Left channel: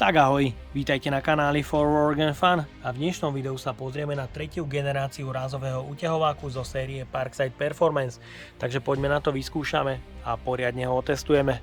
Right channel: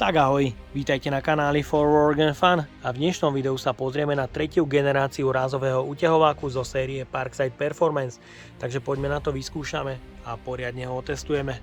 Tak ahoj, vítajte na kanáli For Work and Fun a v dnešnom videu sa pozrieme na tretiu generáciu rázového uťahováku zo série Parkside Performance, takže poďme na to, vyskúšame a poriadne ho otestujeme.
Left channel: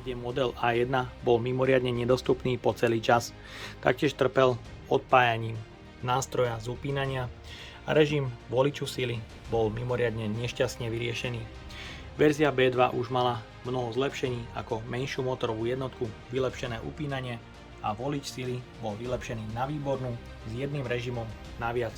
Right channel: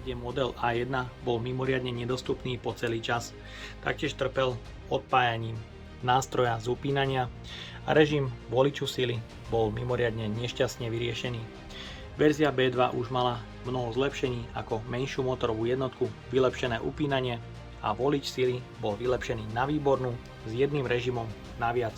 Kde model A1 bol mimoriadne nedostupný po celý čas. Taktiež trpel odpájaním nástroja z upínania a režim voliču sily bol mimoriadne nešťastne vyriešený. Verzia B2 už mala mnoho zlepšení, ako menšiu motorovú jednotku, vylepšené upínanie a volič sily bol vylepšený na výbornú s jedným režimom naviac.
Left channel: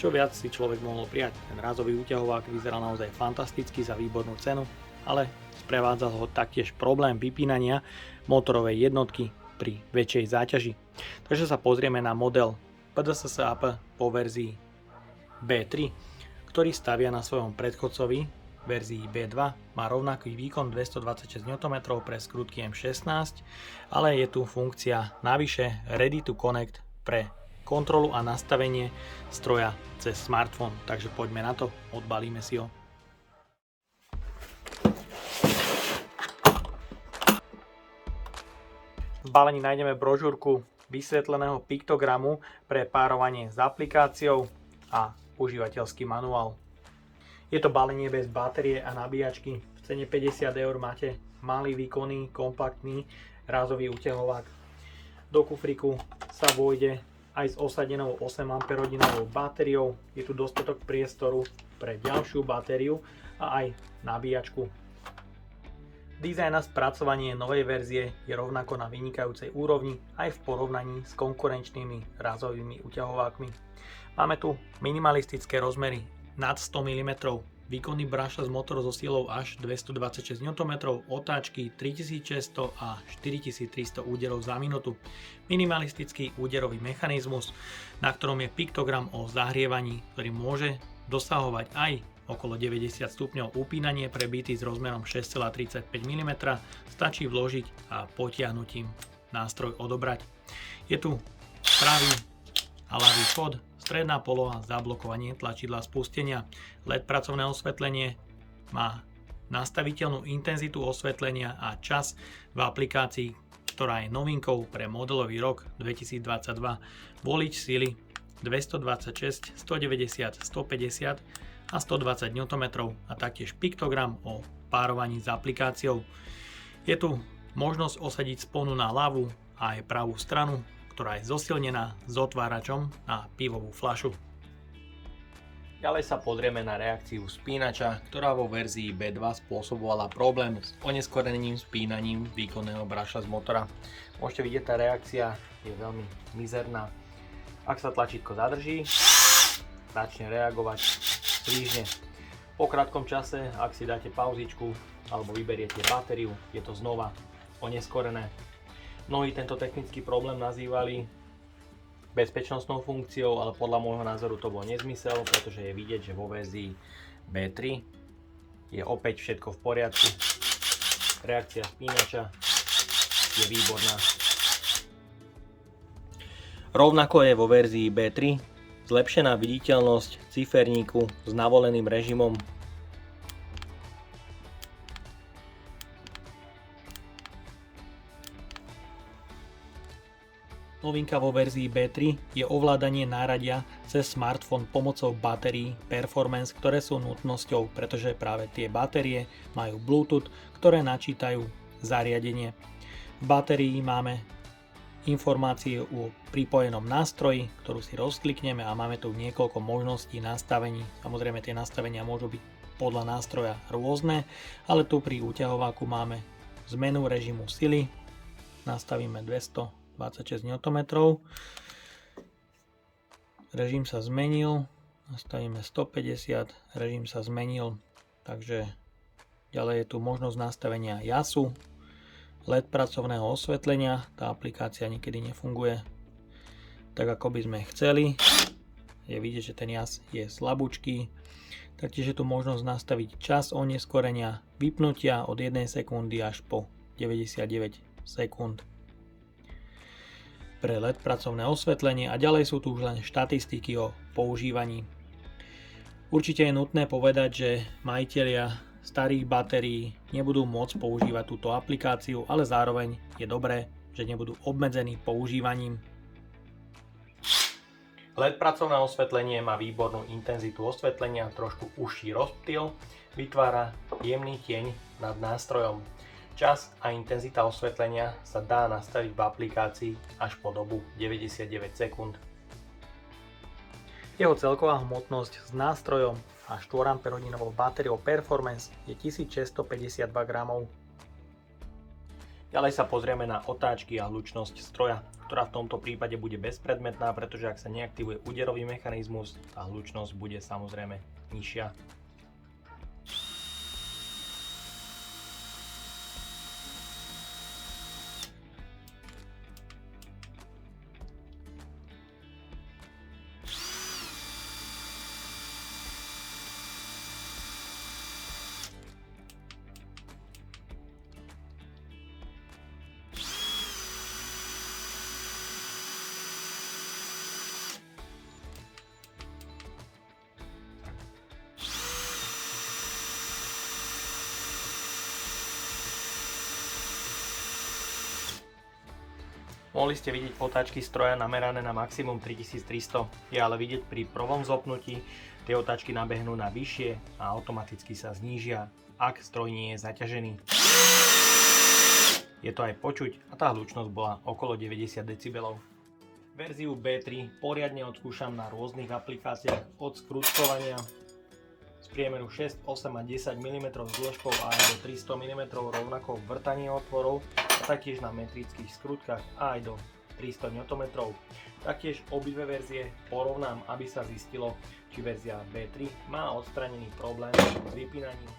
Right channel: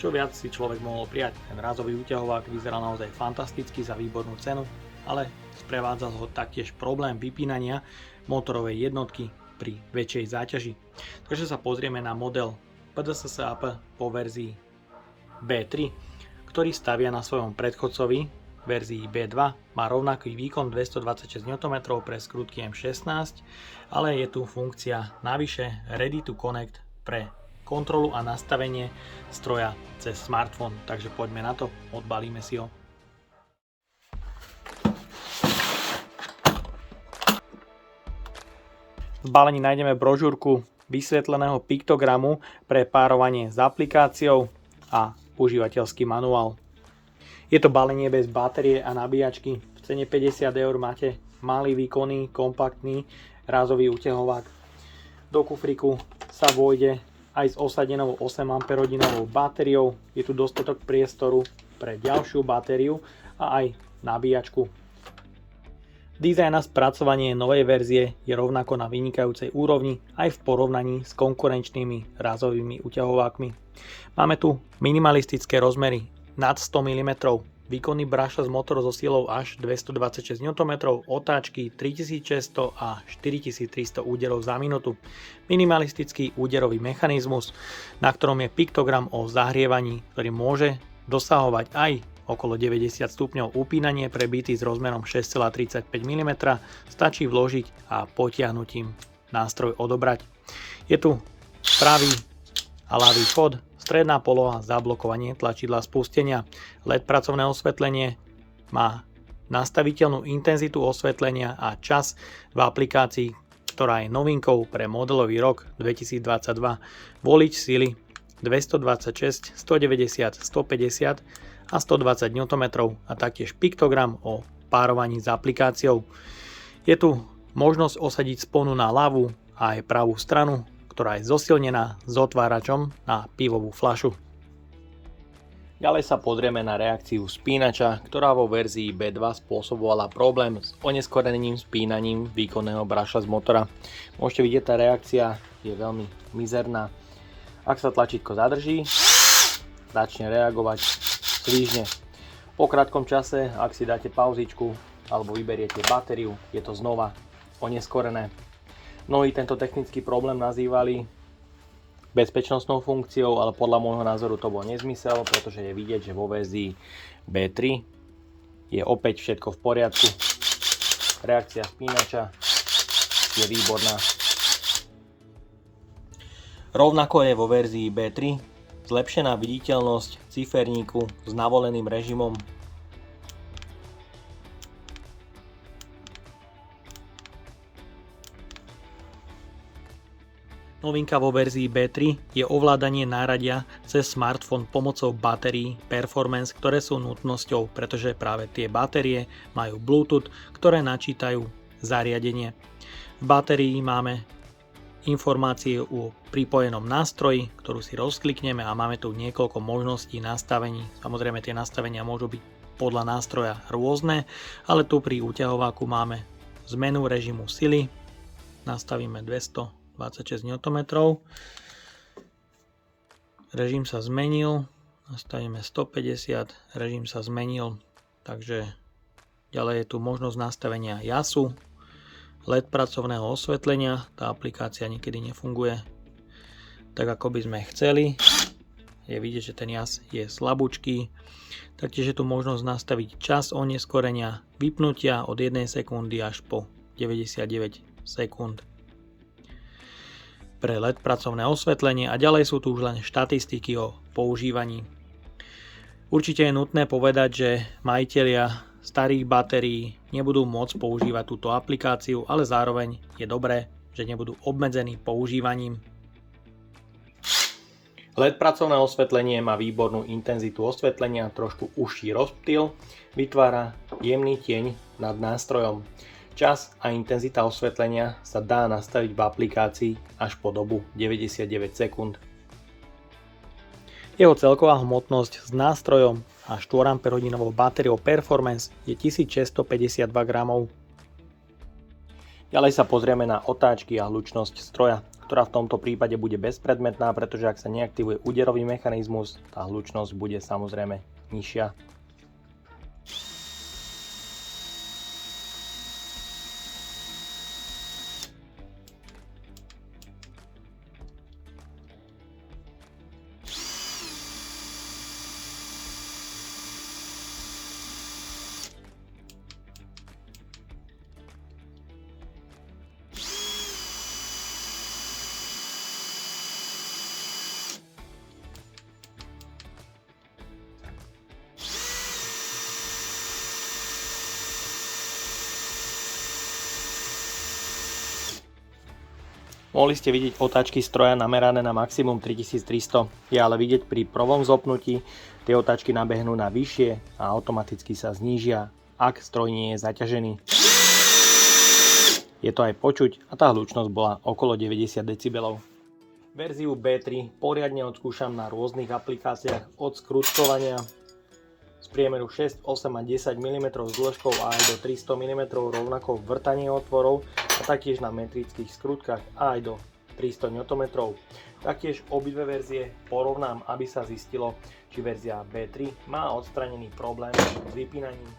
Čo viac si človek mohol prijať. Ten rázový uťahovák vyzeral naozaj fantasticky za výbornú cenu, ale prevádzal ho taktiež problém vypínania motorovej jednotky pri väčšej záťaži. Takže sa pozrieme na model PDSSAP po verzii B3, ktorý stavia na svojom predchodcovi verzii B2, má rovnaký výkon 226 Nm pre skrutky M16, ale je tu funkcia navyše Ready to Connect pre kontrolu a nastavenie stroja cez smartfón. Takže poďme na to, odbalíme si ho. V balení nájdeme brožúrku vysvetleného piktogramu pre párovanie s aplikáciou a užívateľský manuál. Je to balenie bez batérie a nabíjačky. V cene 50 € máte malý, výkonný, kompaktný rázový uťahovák. Do kufriku sa vôjde aj s osadenou 8 Ah batériou. Je tu dostatok priestoru pre ďalšiu batériu a aj nabíjačku. Dizajn a spracovanie novej verzie je rovnako na vynikajúcej úrovni aj v porovnaní s konkurenčnými rázovými uťahovákmi. Máme tu minimalistické rozmery nad 100 mm, výkonný brushless motor so silou až 226 Nm, otáčky 3600 a 4300 úderov za minútu, minimalistický úderový mechanizmus, na ktorom je piktogram o zahrievaní, ktorý môže dosahovať aj okolo 90 stupňov. Upínanie pre byty s rozmerom 6,35 mm stačí vložiť a potiahnutím nástroj odobrať. Je tu pravý a ľavý vchod, stredná poloha, zablokovanie tlačidla spustenia, LED pracovné osvetlenie, má nastaviteľnú intenzitu osvetlenia a čas v aplikácii, ktorá je novinkou pre modelový rok 2022. Volič sily 226, 190, 150 a 120 Nm a taktiež piktogram o párovaní s aplikáciou. Je tu možnosť osadiť sponu na ľavú a aj pravú stranu, ktorá je zosilnená s otváračom na pivovú fľašu. Ďalej sa pozrieme na reakciu spínača, ktorá vo verzii B2 spôsobovala problém s oneskoreným spínaním výkonného brushless motora. Môžete vidieť, tá reakcia je veľmi mizerná. Ak sa tlačítko zadrží, začne reagovať svižne. Po krátkom čase, ak si dáte pauzičku alebo vyberiete batériu, je to znova oneskorené. Mnohí tento technický problém nazývali bezpečnostnou funkciou, ale podľa môjho názoru to bol nezmysel, pretože je vidieť, že vo verzii B3 je opäť všetko v poriadku. Reakcia spínača je výborná. Rovnako je vo verzii B3 zlepšená viditeľnosť ciferníku s navoleným režimom. Novinka vo verzii B3 je ovládanie náradia cez smartfón pomocou batérií Performance, ktoré sú nutnosťou, pretože práve tie batérie majú Bluetooth, ktoré načítajú zariadenie. V batérii máme informácie o pripojenom nástroji, ktorú si rozklikneme a máme tu niekoľko možností nastavení. Samozrejme, tie nastavenia môžu byť podľa nástroja rôzne, ale tu pri uťahováku máme zmenu režimu sily, nastavíme 226 Nm, režim sa zmenil, nastavíme 150, režim sa zmenil, takže ďalej je tu možnosť nastavenia jasu, LED pracovného osvetlenia, tá aplikácia niekedy nefunguje tak, ako by sme chceli. je vidieť, že ten jas je slabúčký. Taktiež je tu možnosť nastaviť čas oneskorenia vypnutia od 1 sekundy až po 99 sekúnd. Pre LED pracovné osvetlenie a ďalej sú tu už len štatistiky o používaní. Určite je nutné povedať, že majitelia starých batérií nebudú môcť používať túto aplikáciu, ale zároveň je dobré, že nebudú obmedzení používaním. LED pracovné osvetlenie má výbornú intenzitu osvetlenia, trošku užší rozptyl, vytvára jemný tieň nad nástrojom. Čas a intenzita osvetlenia sa dá nastaviť v aplikácii až po dobu 99 sekúnd. Jeho celková hmotnosť s nástrojom a 4 Ah batériou Performance je 1652 gramov. Ďalej sa pozrieme na otáčky a hlučnosť stroja, ktorá v tomto prípade bude bezpredmetná, pretože ak sa neaktivuje úderový mechanizmus, tá hlučnosť bude samozrejme nižšia. Mohli ste vidieť otáčky stroja namerané na maximum 3300, je ale vidieť pri prvom zopnutí, tie otáčky nabehnú na vyššie a automaticky sa znížia, ak stroj nie je zaťažený. Je to aj počuť a tá hlučnosť bola okolo 90 dB. Verziu B3 poriadne odskúšam na rôznych aplikáciách od skrutkovania z priemeru 6, 8 a 10 mm s dĺžkou a aj do 300 mm rovnako vrtanie otvorov a taktiež na metrických skrutkách a aj do 300 Nm. Taktiež obidve verzie porovnám, aby sa zistilo, či verzia B3 má odstranený problém s vypínaním.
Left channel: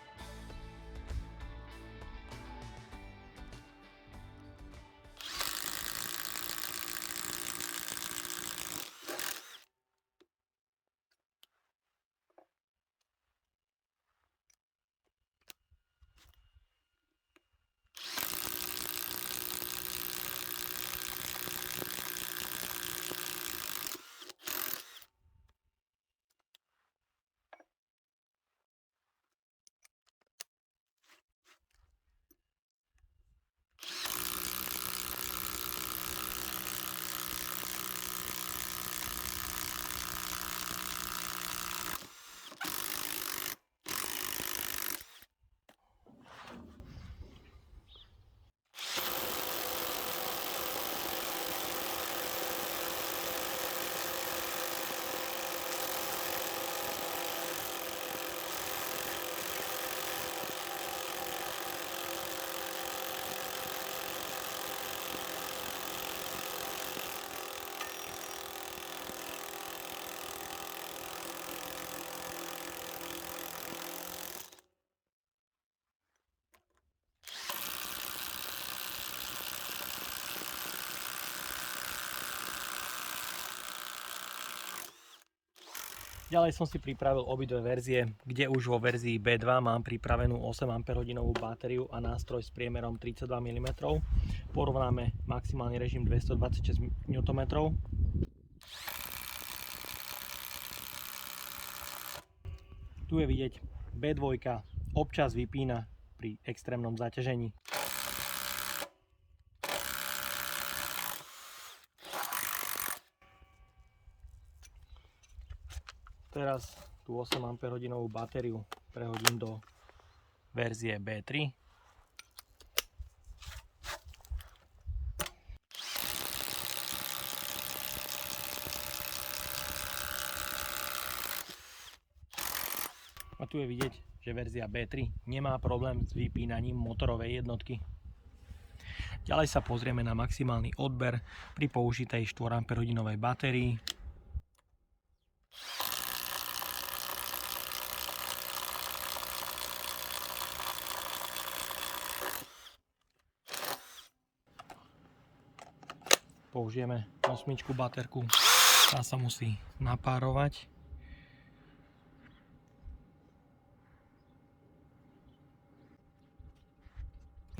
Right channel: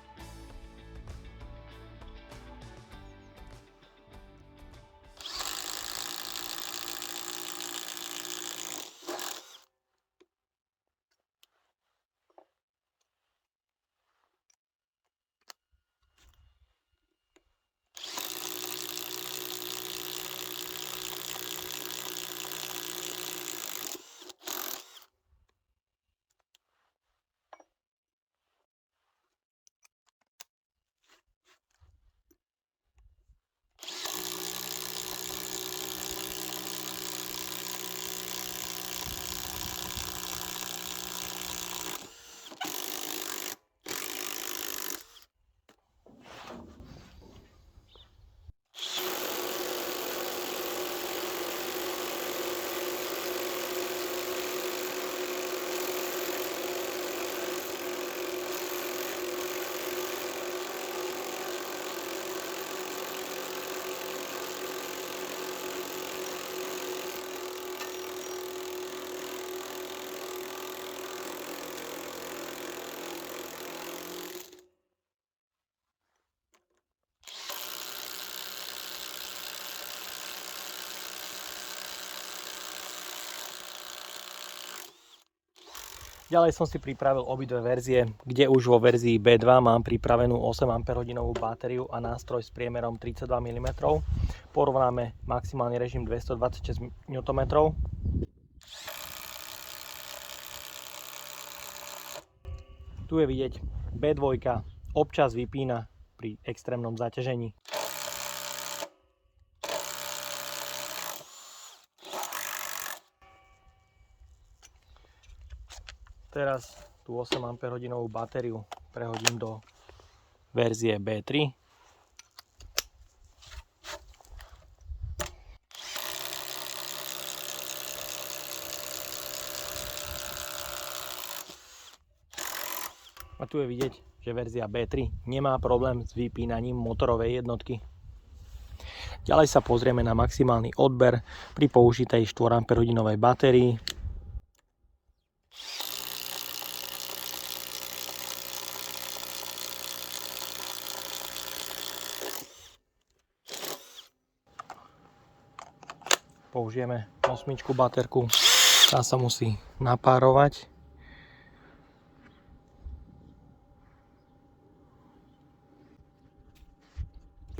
Ďalej som si pripravil obidve verzie, kde už vo verzii B2 mám pripravenú 8 Ah batériu a nástroj s priemerom 32 mm. Porovnáme maximálny režim 226 Nm. Tu je vidieť, B2 občas vypína pri extrémnom zaťažení. Teraz tú 8 Ah batériu prehodím do verzie B3. A tu je vidieť, že verzia B3 nemá problém s vypínaním motorovej jednotky. Ďalej sa pozrieme na maximálny odber pri použitej 4 Ah batérii. Použijeme 8 baterku. Tá sa musí napárovať.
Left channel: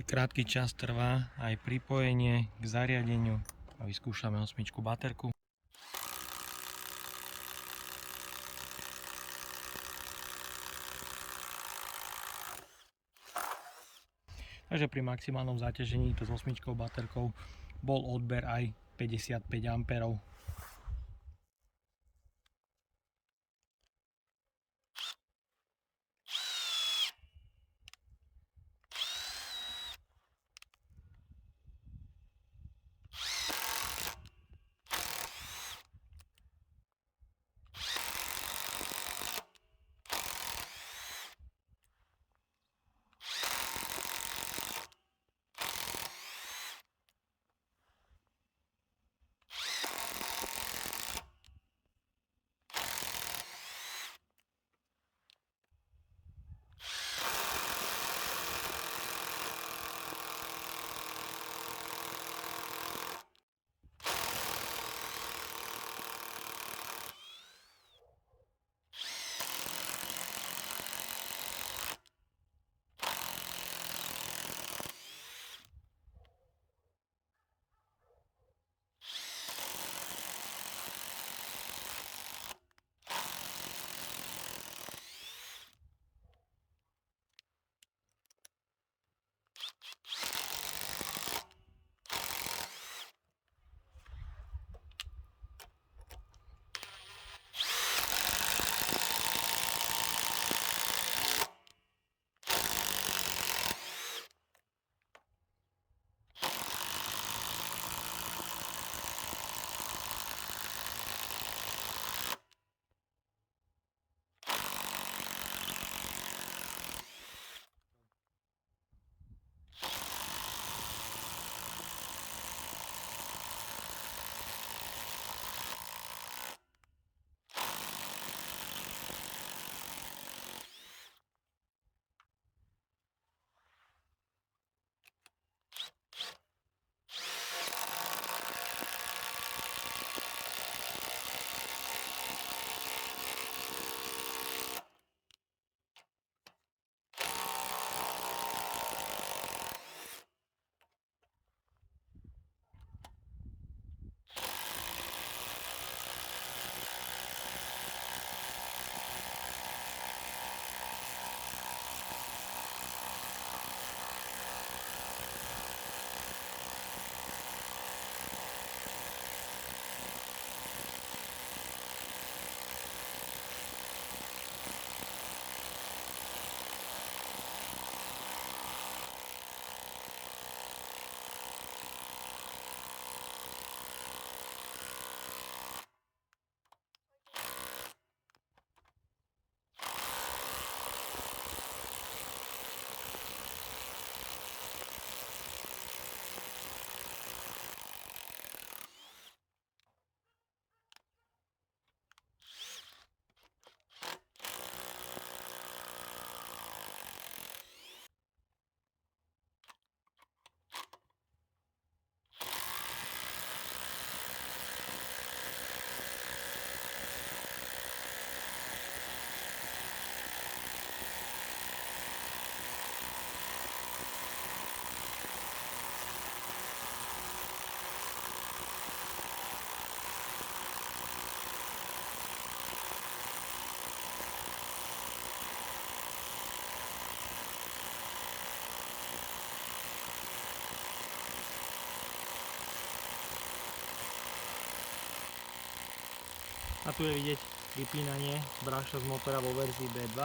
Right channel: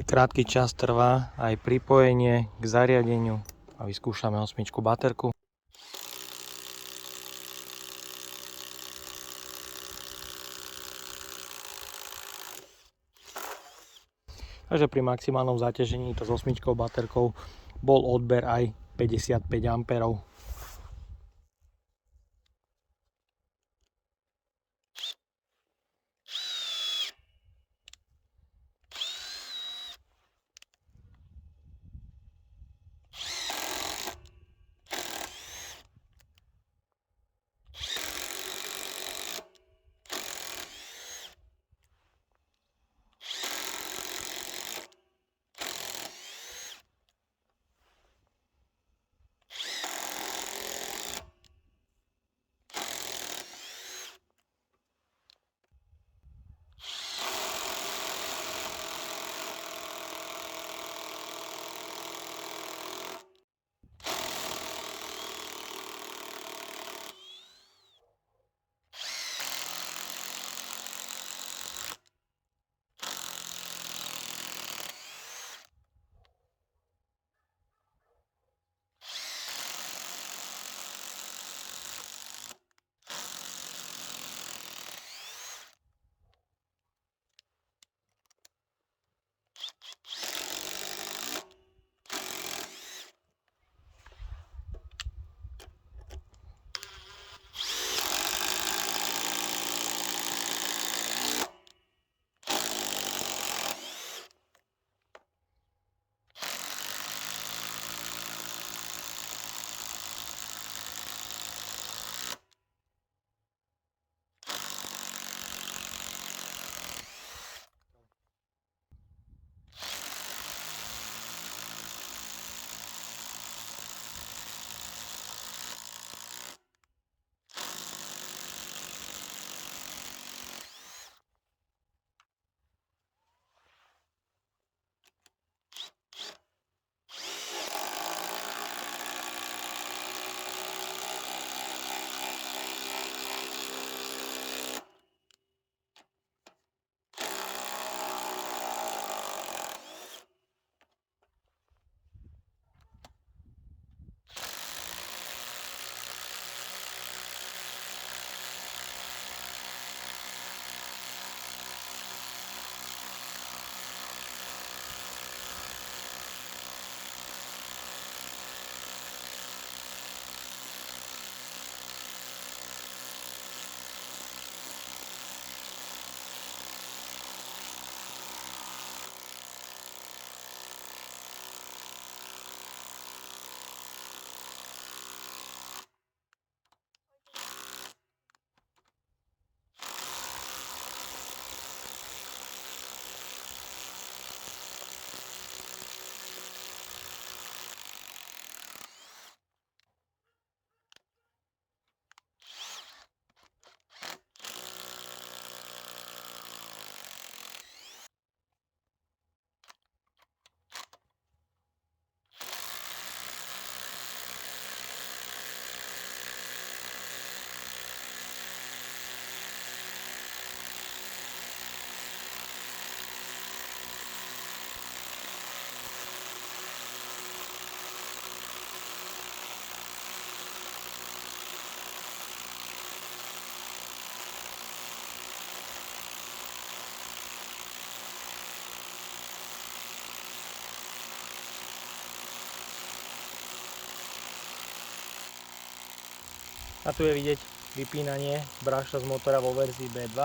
Krátky čas trvá aj pripojenie k zariadeniu a vyskúšame 8 baterku. Takže pri maximálnom zaťažení to s 8 baterkou bol odber aj 55 A. A tu je vidieť vypínanie bráška z motora vo verzii B2.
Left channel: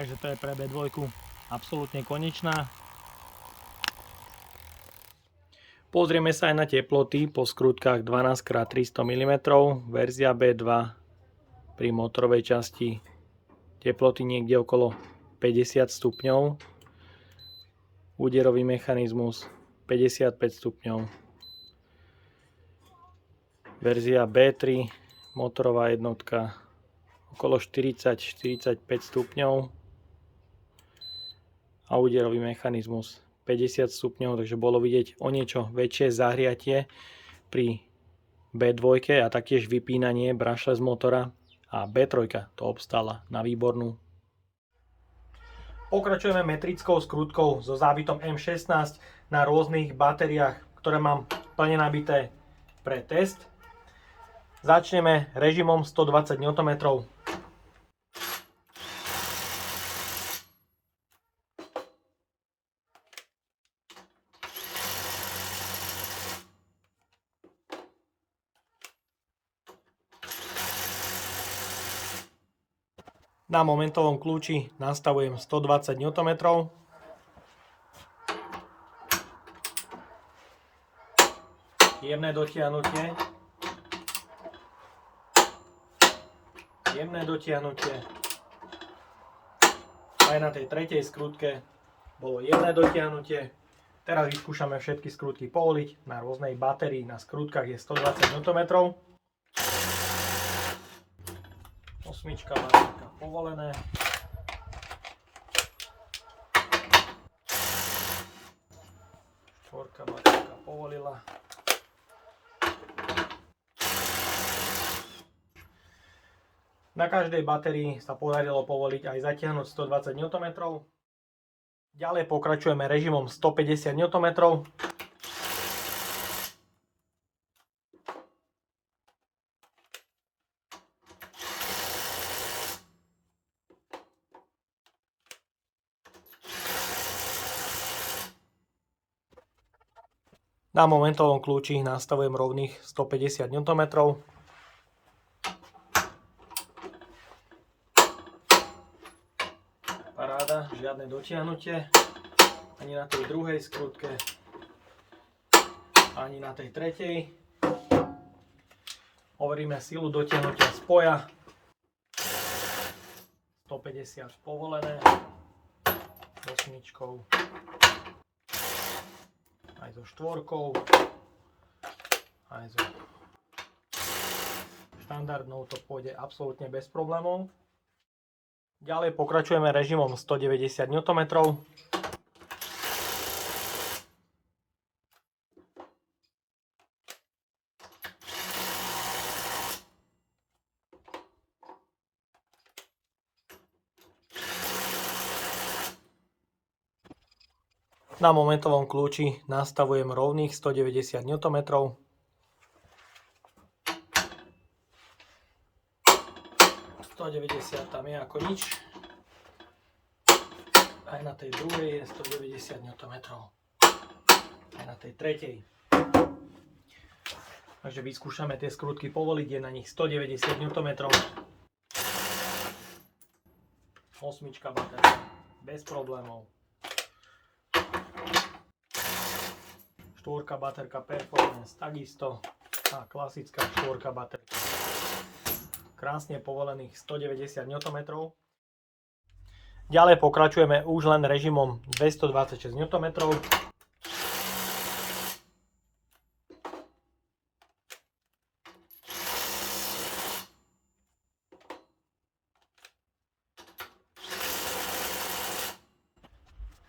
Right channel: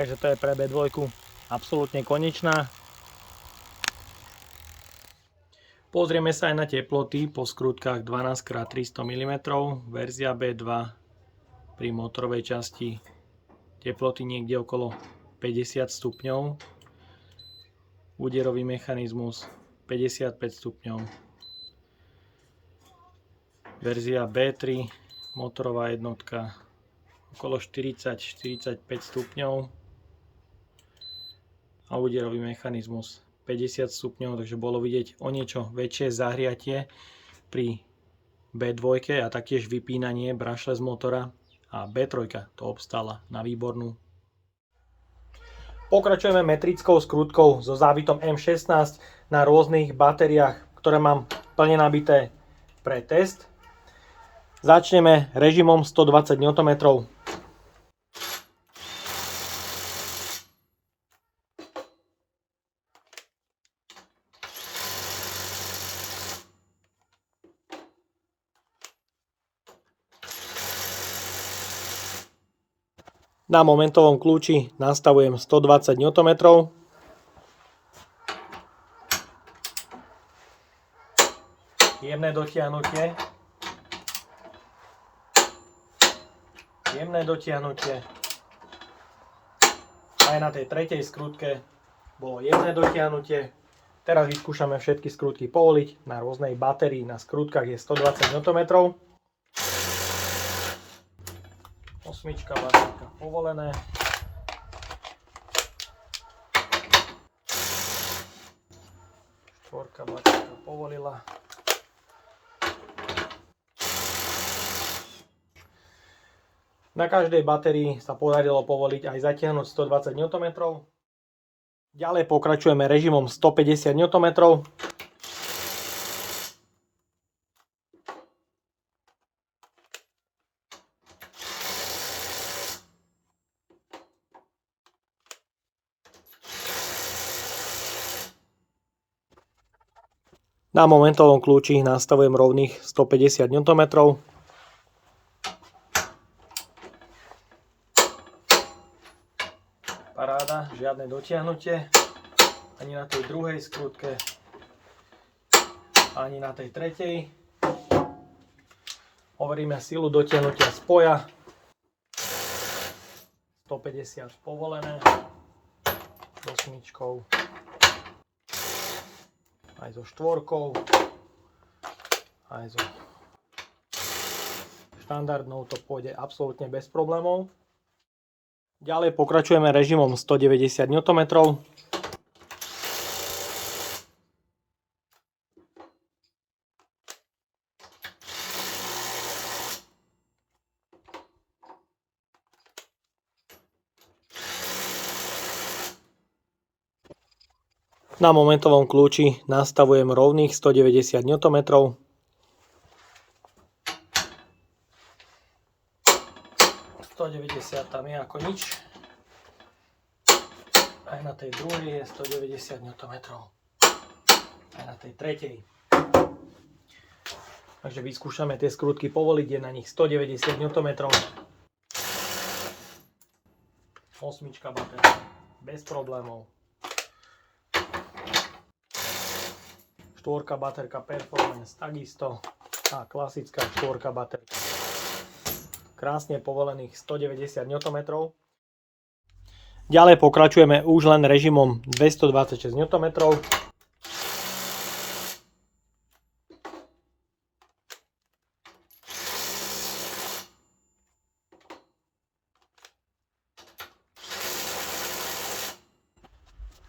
Takže to je pre B2 absolútne konečná. Pozrieme sa aj na teploty po skrutkách 12x300 mm, verzia B2 pri motorovej časti teploty niekde okolo 50 stupňov, úderový mechanizmus 55 stupňov, verzia B3 motorová jednotka okolo 40-45 stupňov a úderový mechanizmus 50 stupňov, takže bolo vidieť o niečo väčšie zahriatie pri B2 a taktiež vypínanie brushless motora a B3 to obstála na výbornú. Pokračujeme metrickou skrutkou so závitom M16 na rôznych batériách, ktoré mám plne nabité pre test. Začneme režimom 120 Nm. Na momentovom kľúči nastavujem 120 Nm. Jemné dotiahnutie. Jemné dotiahnutie. Aj na tej tretej skrutke bolo jemné dotiahnutie. Teraz vyskúšame všetky skrutky povoliť. Na rôznej batérii na skrutkách je 120 Nm. Osmička, baterka povolené. Štvorka, baterka povolila. Na každej batérii sa podarilo povoliť aj zatiahnuť 120 Nm. Ďalej pokračujeme režimom 150 Nm. Na momentovom kľúči nastavujem rovných 150 Nm. Paráda, žiadne dotiahnutie. Ani na tej druhej skrutke, ani na tej tretej. Overíme silu dotiahnutia spoja. 150 povolené. S osmičkou. Aj so štvorkou, aj so štandardnou to pôjde absolútne bez problémov. Ďalej pokračujeme režimom 190 Nm. Na momentovom kľúči nastavujem rovných 190 Nm. Tam je ako nič. Aj na tej druhej je 190 Nm. Aj na tej tretej. Takže vyskúšame tie skrutky povoliť, je na nich 190 Nm. Osmička baterka, bez problémov. Štvorka baterka Performance takisto a klasická štvorka baterka. Krásne povolených 190 Nm. Ďalej pokračujeme už len režimom 226 Nm.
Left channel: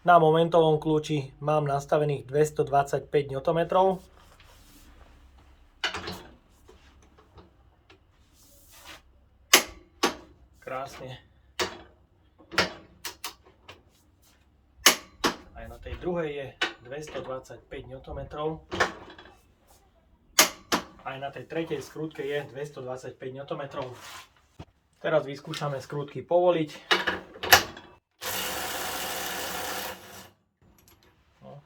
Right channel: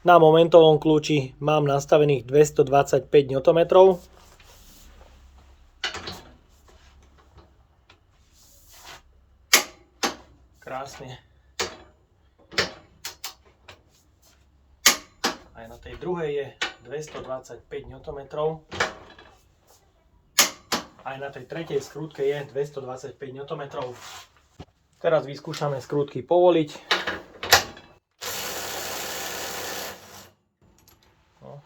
Na momentovom kľúči mám nastavených 225 Nm. Krásne. Aj na tej druhej je 225 Nm. Aj na tej tretej skrutke je 225 Nm. Teraz vyskúšame skrutky povoliť.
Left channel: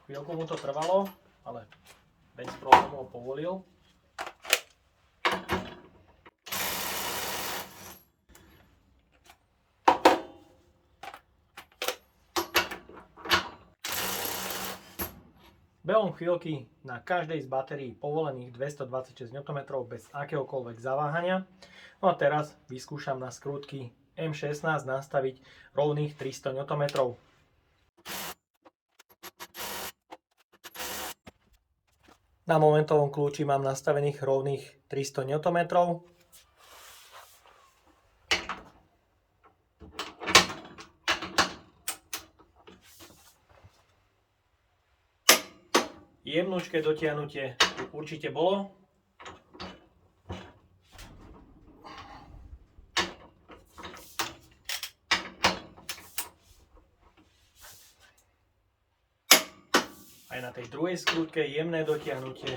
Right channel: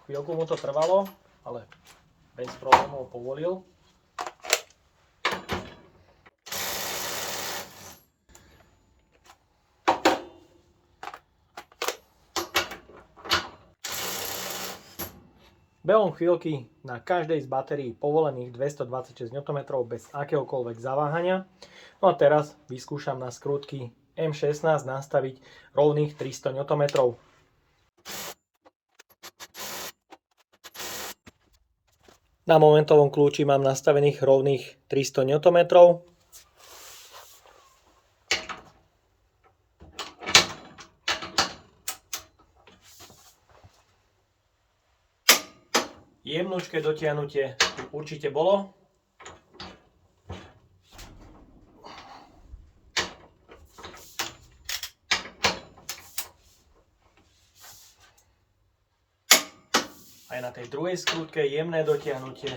Chvíľku mu to trvalo, ale bez problémov povolil. Behom chvíľky na každej z batérií povolených 226 Nm bez akéhokoľvek zaváhania. No a teraz vyskúšam na skrutky M16 nastaviť rovných 300 Nm. Na momentovom kľúči mám nastavených rovných 300 Nm. Jemnúčké dotiahnutie určite bolo. Aj na tej druhej skrutke jemné dotiahnutie.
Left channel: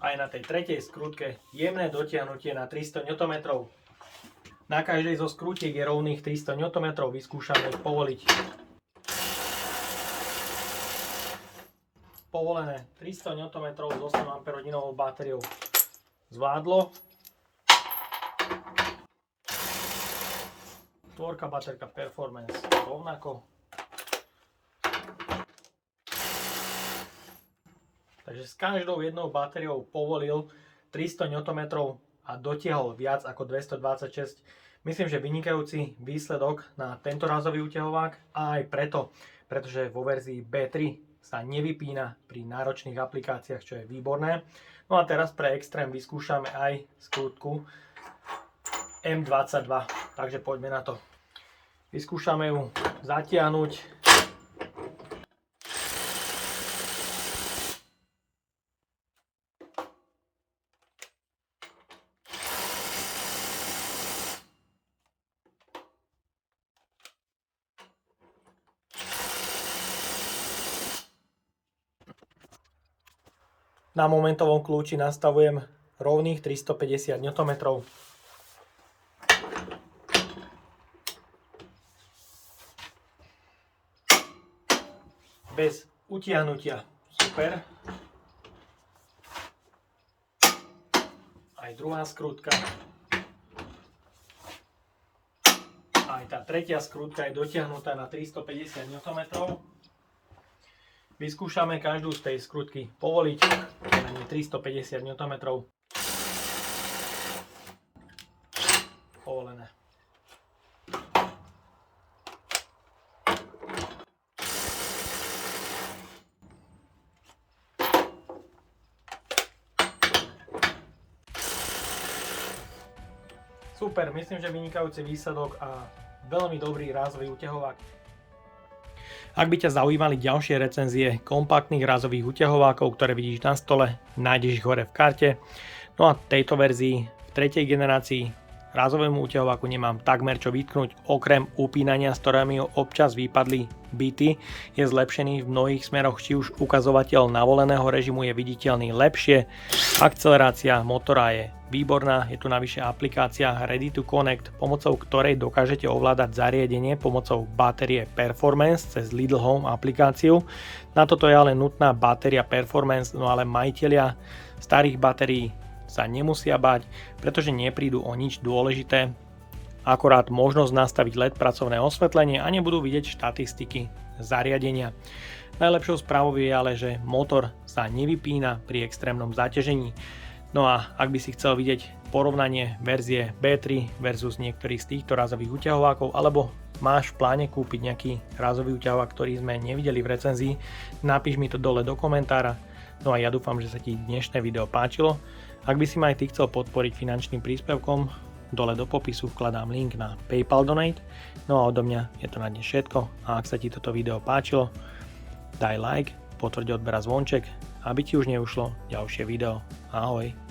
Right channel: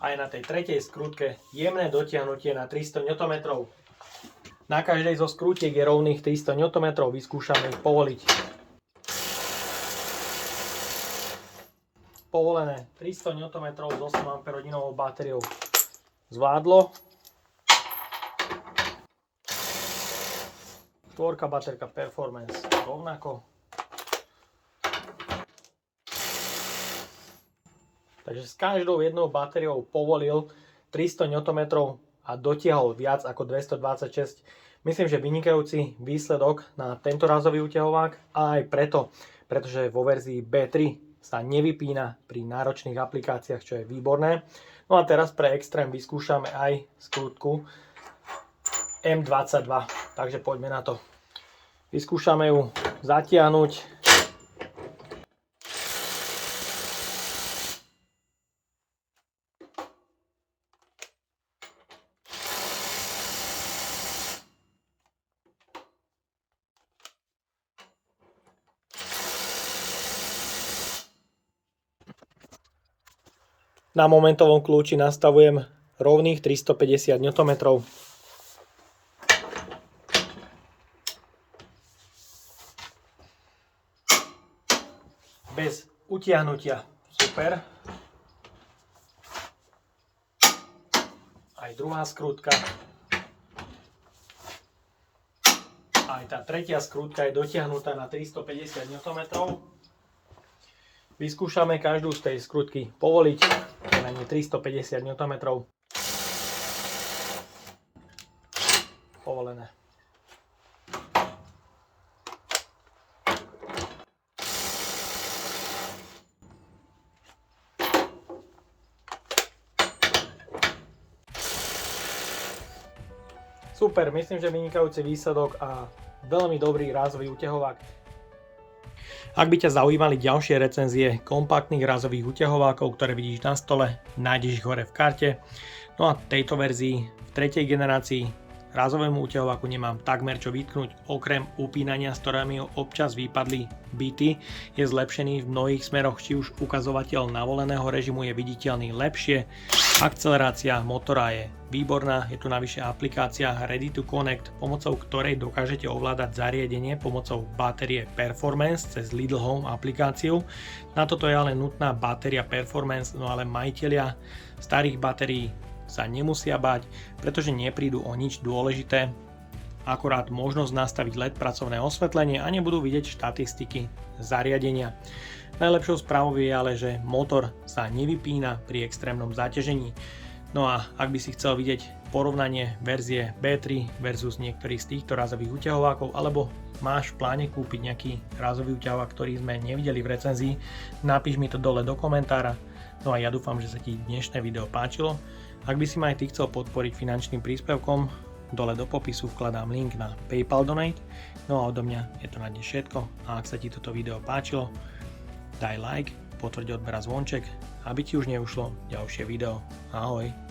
Aj na tej tretej skrutke jemné dotiahnutie na 300 Nm. Na každej zo skrutiek je rovných 300 Nm, vyskúšame ich povoliť. Povolené 300 Nm s 8 Ah batériou zvládlo. Štvorka baterka Performance rovnako. Takže s každou jednou batériou povolil 300 Nm a dotiahol viac ako 226. Myslím, že vynikajúci výsledok na tento razový uťahovák a aj pretože vo verzii B3 sa nevypína pri náročných aplikáciách, čo je výborné. No a teraz pre extrém vyskúšame aj skrutku M22, takže poďme na to. Vyskúšame ju zatiahnuť. Na momentovom kľúči nastavujem rovných 350 Nm. Bez utiahnutia. Super. Aj druhá skrutka. Aj tá tretia skrutka je dotiahnutá na 350 Nm. Vyskúšame každú z tej skrutky povoliť. Je na ne 350 Nm. Povolené. Super, myslím, že vynikajúci výsledok a veľmi dobrý rázový uťahovák. Ak by ťa zaujímali ďalšie recenzie kompaktných rázových uťahovákov, ktoré vidíš na stole, nájdeš ich hore v karte. No a v tejto verzii, v tretej generácii, rázovému uťahováku nemám takmer čo vytknúť, okrem upínania, s ktorými občas vypadli bity. Je zlepšený v mnohých smeroch, či už ukazovateľ navoleného režimu je viditeľný lepšie, akcelerácia motora je výborná, je tu navyše aplikácia Ready to Connect, pomocou ktorej dokážete ovládať zariadenie pomocou batérie Performance cez Lidl Home aplikáciu. Na toto je ale nutná batéria Performance, no ale majitelia starých batérií sa nemusia báť, pretože neprídu o nič dôležité, akorát možnosť nastaviť LED pracovné osvetlenie a nebudú vidieť štatistiky zariadenia. Najlepšou správou je ale, že motor sa nevypína pri extrémnom zaťažení. No a ak by si chcel vidieť porovnanie verzie B3 versus niektorých z týchto rázových uťahovákov, alebo máš v pláne kúpiť nejaký rázový uťahovák, ktorý sme nevideli v recenzii, napíš mi to dole do komentára. No a ja dúfam, že sa ti dnešné video páčilo. Ak by si ma aj ty chcel podporiť finančným príspevkom, dole do popisu vkladám link na PayPal Donate. No a odo mňa je to na dnes všetko a ak sa ti toto video páčilo, daj like, potvrď odber a zvonček, aby ti už neušlo ďalšie video. Ahoj!